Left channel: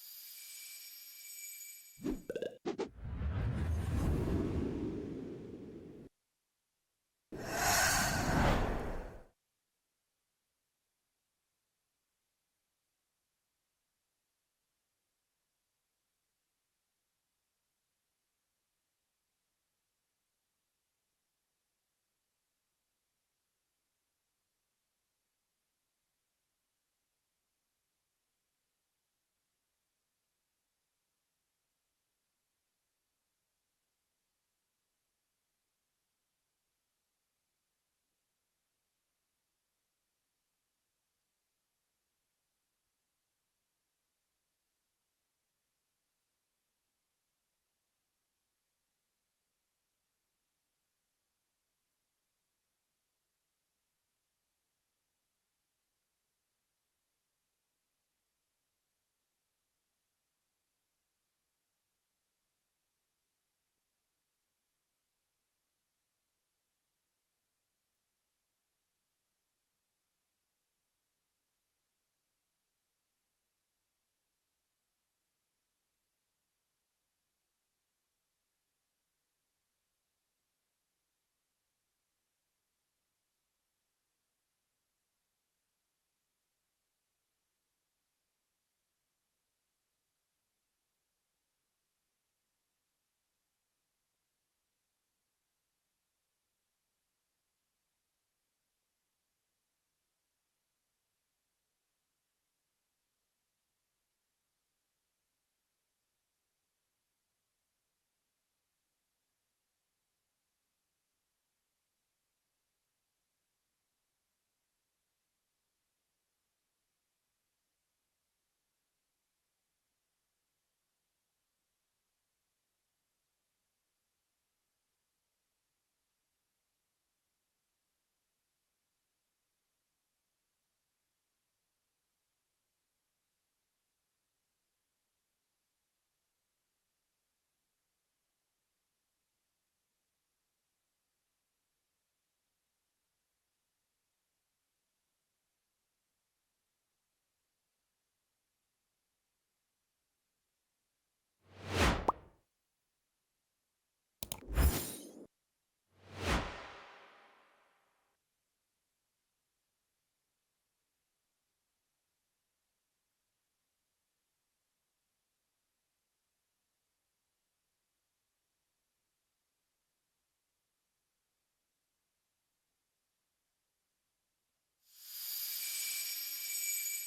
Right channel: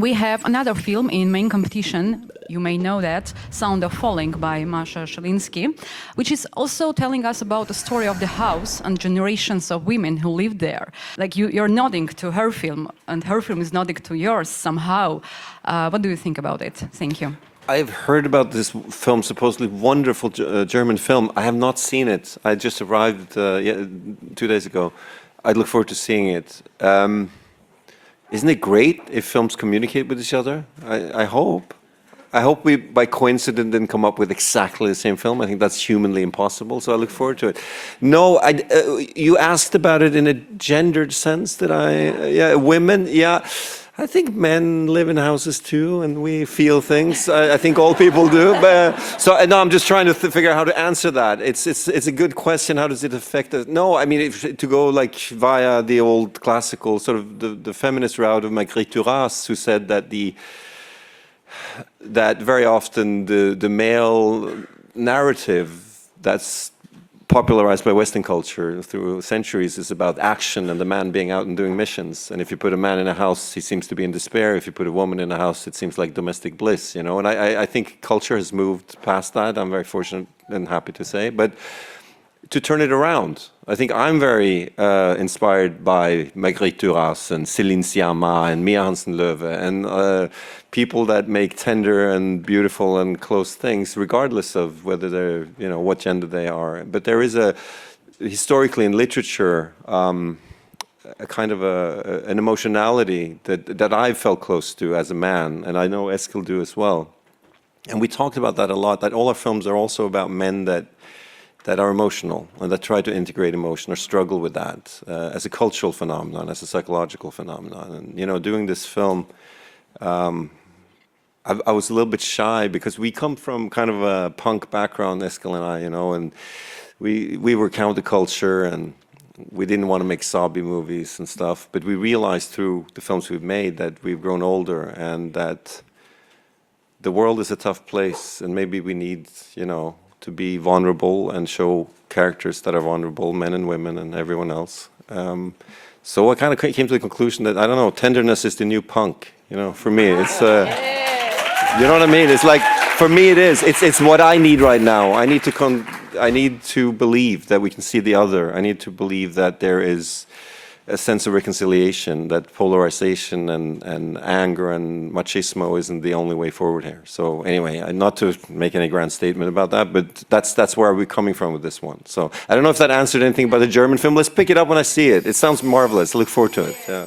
we have another film in main competition, you may know that, Sound of Falling by Masha Shalinsky, which is also telling us about the story of the house and generations of women who lived there. Like you're nodding to her film, and her film is nodding to yours somehow. What do you think about it? Thank you. I've heard about this film, supposedly wonderful German film. I have not seen it. I just arrived 2 days ago. I look forward to seeing it. Isn't it great if films communicate with each other? I hope. I hope we, by coincidence, didn't come up with exactly the same film. I think that's humanly impossible, so I look forward to it. No, you asked about it in a gendered sense, did I? Yeah, women, yeah. I think men live in houses too, and we feel things. I think all people do. But, so no, I'm just trying to figure out how to answer that. It's a good question. How does it affect us? No, I mean, to go like via the old classical sort of the feminist route of Marguerite Duras, who said that very often the male narrative that's popularized by Western culture through centuries is about action and the man being out and doing missions. And if you put a man in a house, he seems to be in despair. If you put a woman in a house, it seems like domestic bliss, you know. And I think culture has moved past that. I'm very fortunate and happy to say. But to turn it around, I think I'm very inspired by Marguerite Duras and Céline Sciamma and Mia Hansen-Løve and people that make tender and beautiful and close things, regardless of whether they're, you know, what gender they are. But there is historically in literature, a kind of an emotionality that I've felt close to as a man, and I know Eskil do as well. And we talked about that a lot, that all our films are also about men that are emotional and that try to integrate emotion or struggle with that as a cultural phenomenon, as a psychological phenomenon. And, you know, doing this film, I was a little bit shy because we come from kind of a punk background, Eskil and I, you know, and we were counterculture and we didn't want to make sobby movies and stuff, but we realized through the films we've made that we've grown older and that the world is a tough place and maybe we need, you know, to be vulnerable and show characters that are vulnerable, men and women and everyone else. So I kind of came to the conclusion that, I don't know, tenderness is the new punk, you know, for me. It's, you know what I mean? It's like, for me it is. It's what I need right now. I need to believe that we can see the other. I need to believe that there is a sense of reconciliation, that polarization and anger and machismo isn't the only way forward here. So anyway, not to make any grand statement about that, but that's where we're coming from with this one. So I don't know if that answered anything about the German film. Let's pick it up when I see it. It sounds marvelous. I look forward to it. Yeah.